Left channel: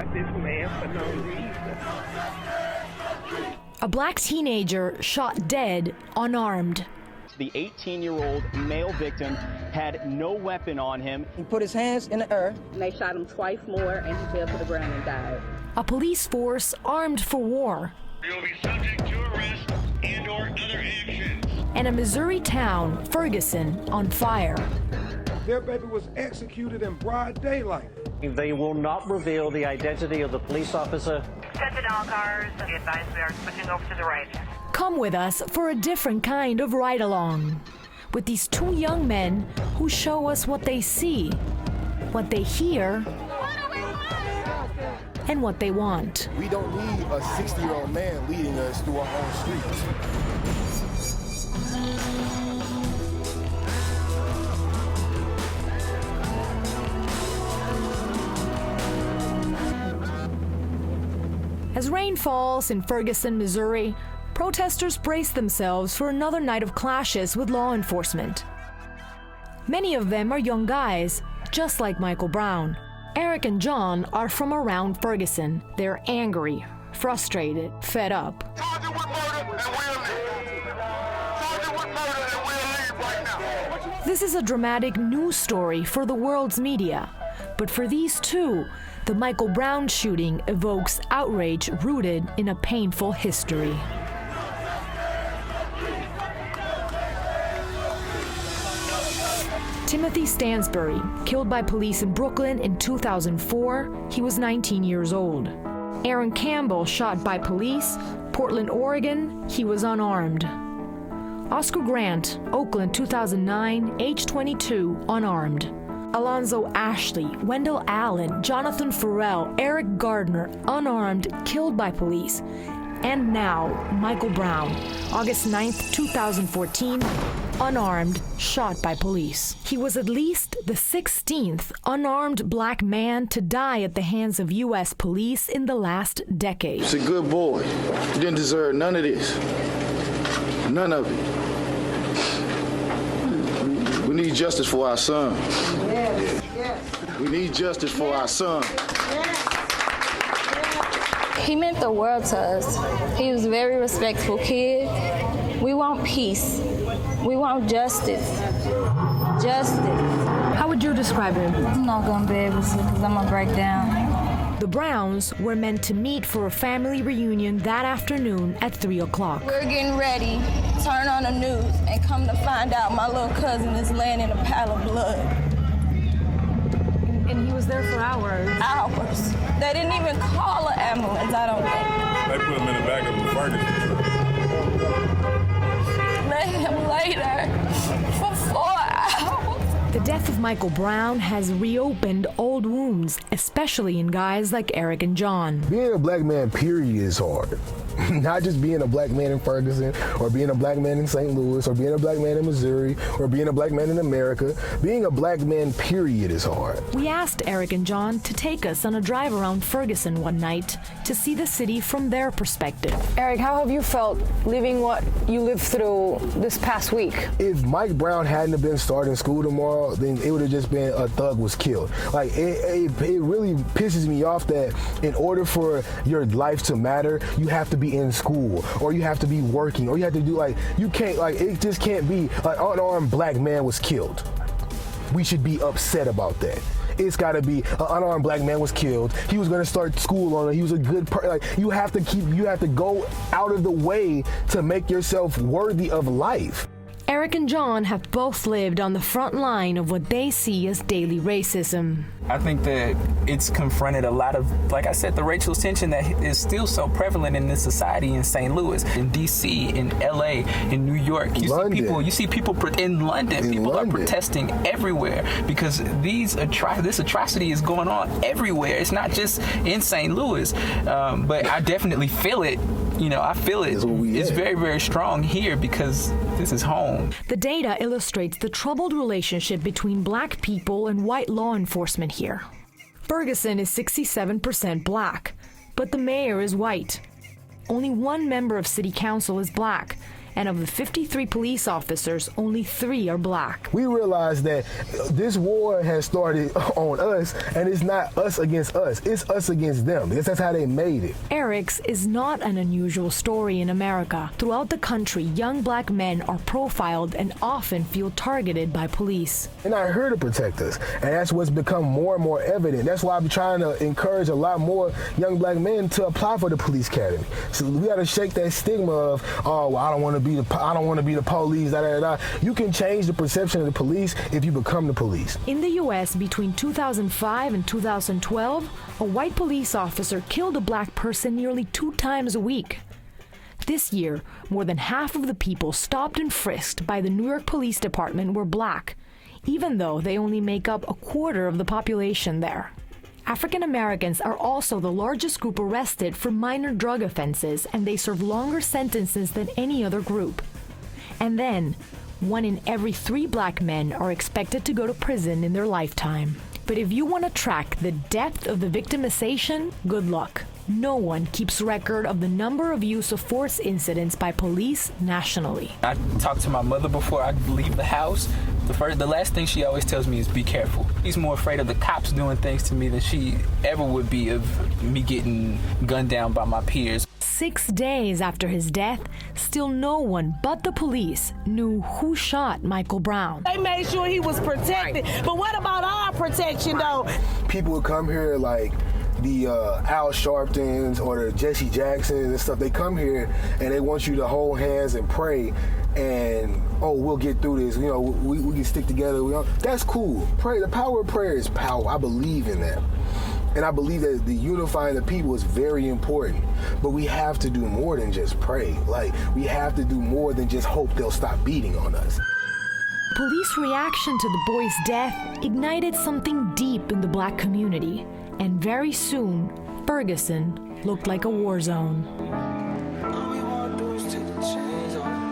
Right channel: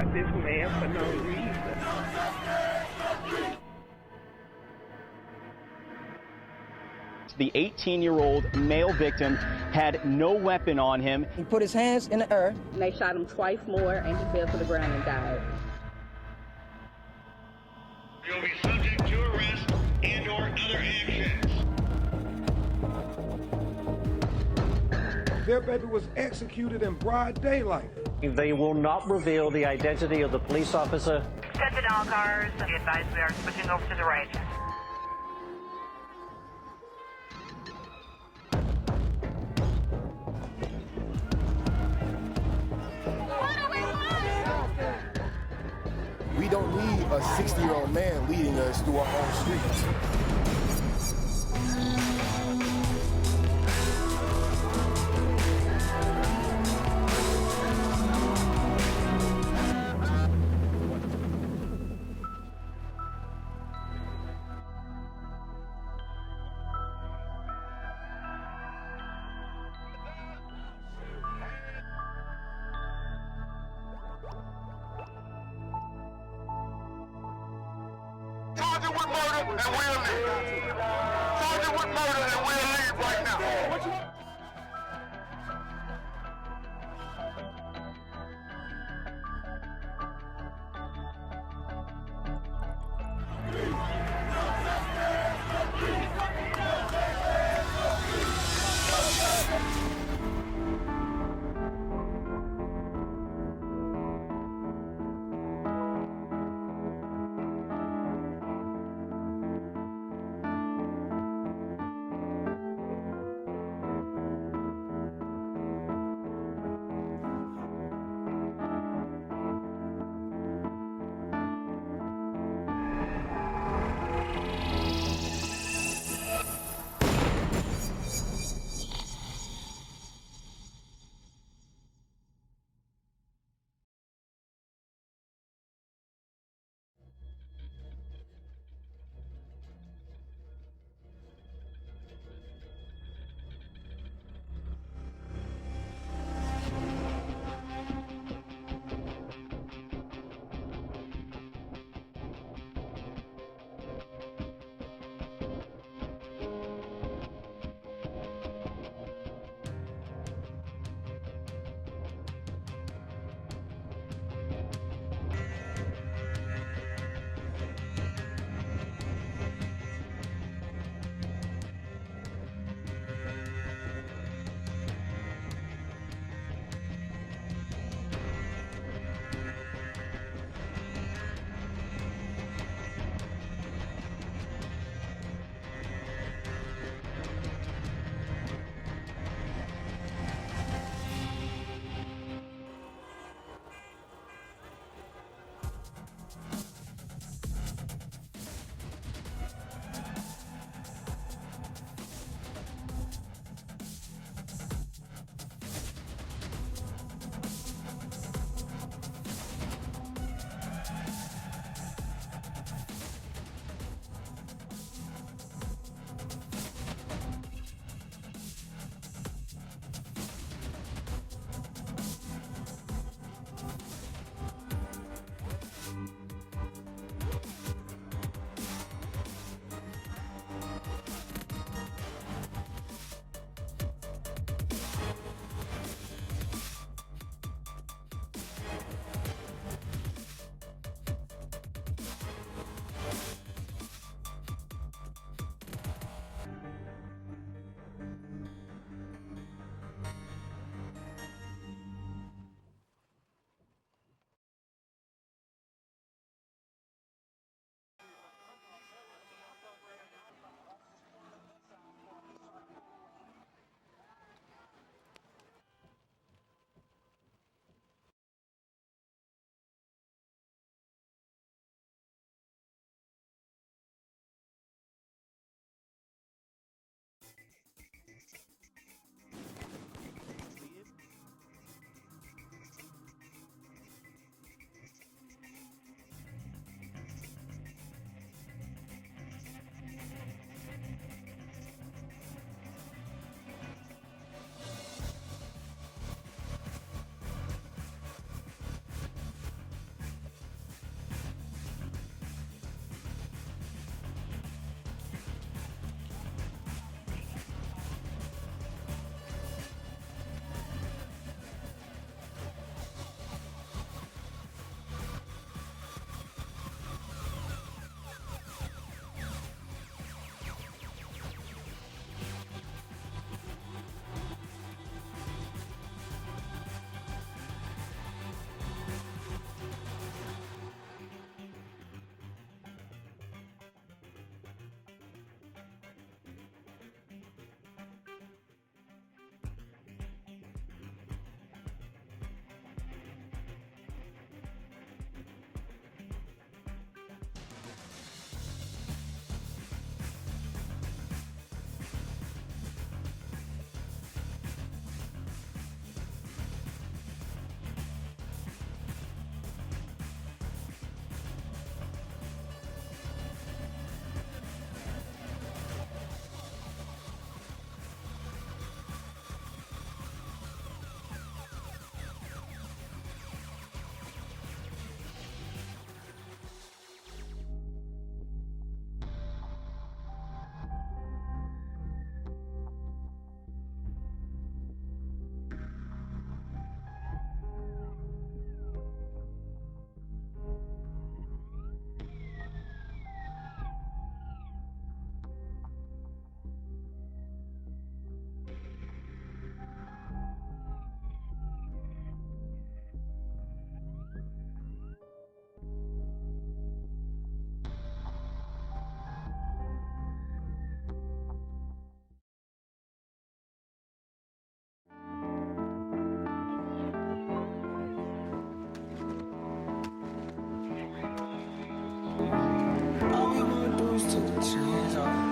shot this man for no reason. A black teenager shot dead unarmed. The 18-year-old male victim had no weapon on him. He put his hands in the earth. And they shot him twice more, and he fell to the ground and died. A police force armed for war. You'll be subject to arrest and/or other actions. And a Missouri town, Ferguson, on fire. Their baby was executed in broad daylight. They will not reveal the identity of the police officer. Attention all cars, be advised we are switching over to the right. Come with us for a different kind of ride-along with these two young men who show us what they see, what they hear, and what they want. We don't need a 60-year-old man leading us through our own streets. As rain falls in Ferguson, Missouri, protesters brace themselves for another night of clashes with law enforcement. Many of them are young guys, just like Michael Brown. Eric and John are from around Ferguson. They're angry, frustrated, fed up. Charge it with murder and we'll leave. Charge it with murder and we'll leave right now. This is a dramatic news story for the world's media. But for these two, the Michael Brown shooting evokes outrage rooted in a painful history. Timothy Stansbury, killed by police in Brooklyn in 2004, he was 19 years old. Aaron Campbell, shot by police, Portland, Oregon, he was unarmed. Oscar Grant, Oakland, 2009, age 22, unarmed. Alonzo Ashley, Wendell Allen, Jonathan Farrell, Eric Gardner, unarmed, killed by police. And now, Michael Brown, August 9th, 2014, unarmed, shot by police. He was at least the 16th unarmed black man to die at the hands of U.S. police in the last decade. He's a good boy. He didn't deserve none of this. None of it. We need justice for our son. We need justice for our son. He meant the world to us. He was a very respectful kid. We want peace. We want justice. Justice. How would you describe him? I'm not gonna be able to because I'm gonna break down. The Browns were meant to meet for a family reunion that afternoon at 3 o'clock. We're getting ready. Turn on the news and come to find out my little cousin is laying in a pile of blood. And he was there for hours. Hours. They didn't even call an ambulance, I don't think. They put him in the back of the Ferguson truck. Let him lay there for 4 hours. The death of Michael Brown has reopened old wounds, especially in guys like Eric and John. Being a black man, period, is hard. Not just being a black man in Ferguson, or being a black man in St. Louis, or being a black man in Missouri, or being a black man in America. Being a black man, period, is hard. We asked Eric and John to take us on a drive around Ferguson one night to see the city from their perspective. Eric, how have you felt living what you lived through this past week? If Mike Brown hadn't have been starting school tomorrow, then it would have just been a thug was killed. Like, it really pisses me off that in order for your life to matter, you have to be in school, or you have to be working, or you have to do, like, you can't, like, it just can't be an unarmed black man was killed. We should be upset about that. It's got to be an unarmed black man was killed. He was going to start school on it. He was a good person. Like, you have to go out of the way to make yourself worthy of life. Eric and John have both lived on the front line of what they see as daily racism. I think that it's confronted a lot of, like I said, the racial tension that is still so prevalent in this society in St. Louis, in D.C., in L.A., in New York. You see people in London. People are protesting everywhere because this atrocity is going on everywhere. It's not just in St. Louis, but I definitely feel it. I feel it. It's very, very strong here because this is home. The data illustrates the troubled relationship between black people and white law enforcement here. Ferguson is 67% black, but the mayor is white. Only one member of city council is black, And of the 53 police officers, only 3 are black. We realize that this war has started on us, and it's not us against us, it's us against them. That's how they made it. Eric's is not an unusual story in America. Throughout the country, young black men are profiled and often feel targeted by police. They're not here to protect us, and that's what's become more and more evident. That's why I'm trying to encourage a lot more young black men to apply for the police academy. So we got to shake that stigma of, oh, well, I don't want to be the police, da, da, da. You can change the perception of the police if you become the police. In the U.S., between 2005 and 2012, a white police officer killed a black person nearly 2 times a week. This year, more than half of the people stopped and frisked by the New York Police Department were black, even though they only make up a quarter of the population there. African Americans are also the largest group arrested for minor drug offenses, and they serve longer sentences than any other group. And then, 1 in every 3 black men are expected to go to prison in their lifetime. But if you want to track the depth of the victimization, good luck. No one keeps record of the number of use of force incidents by police nationally. I talked to my mother before I leave the house. The last thing she always tells me is be careful. She's more afraid of the cops doing things to me than she ever would be of me getting gunned down by my peers. 6 days after his death, still no one but the police knew who shot Michael Brown. They made sure he was protected, but what about our protection though? People would come here like the Al Sharptons or the Jesse Jacksons and stuff. They come here and they want you to hold hands and pray and, oh, we'll get through this. You know, we can stick together. That's cool. Pray. The power of prayer is power. I believe in that. And I believe that the unifying the people is very important. But we have to do more than just pray. Like, we have to do more than just hope they'll stop beating on us. Police reaction to the boy's death ignited something deep in the black community. And very soon, Ferguson looked like a war zone. All we want to do is take the chains off.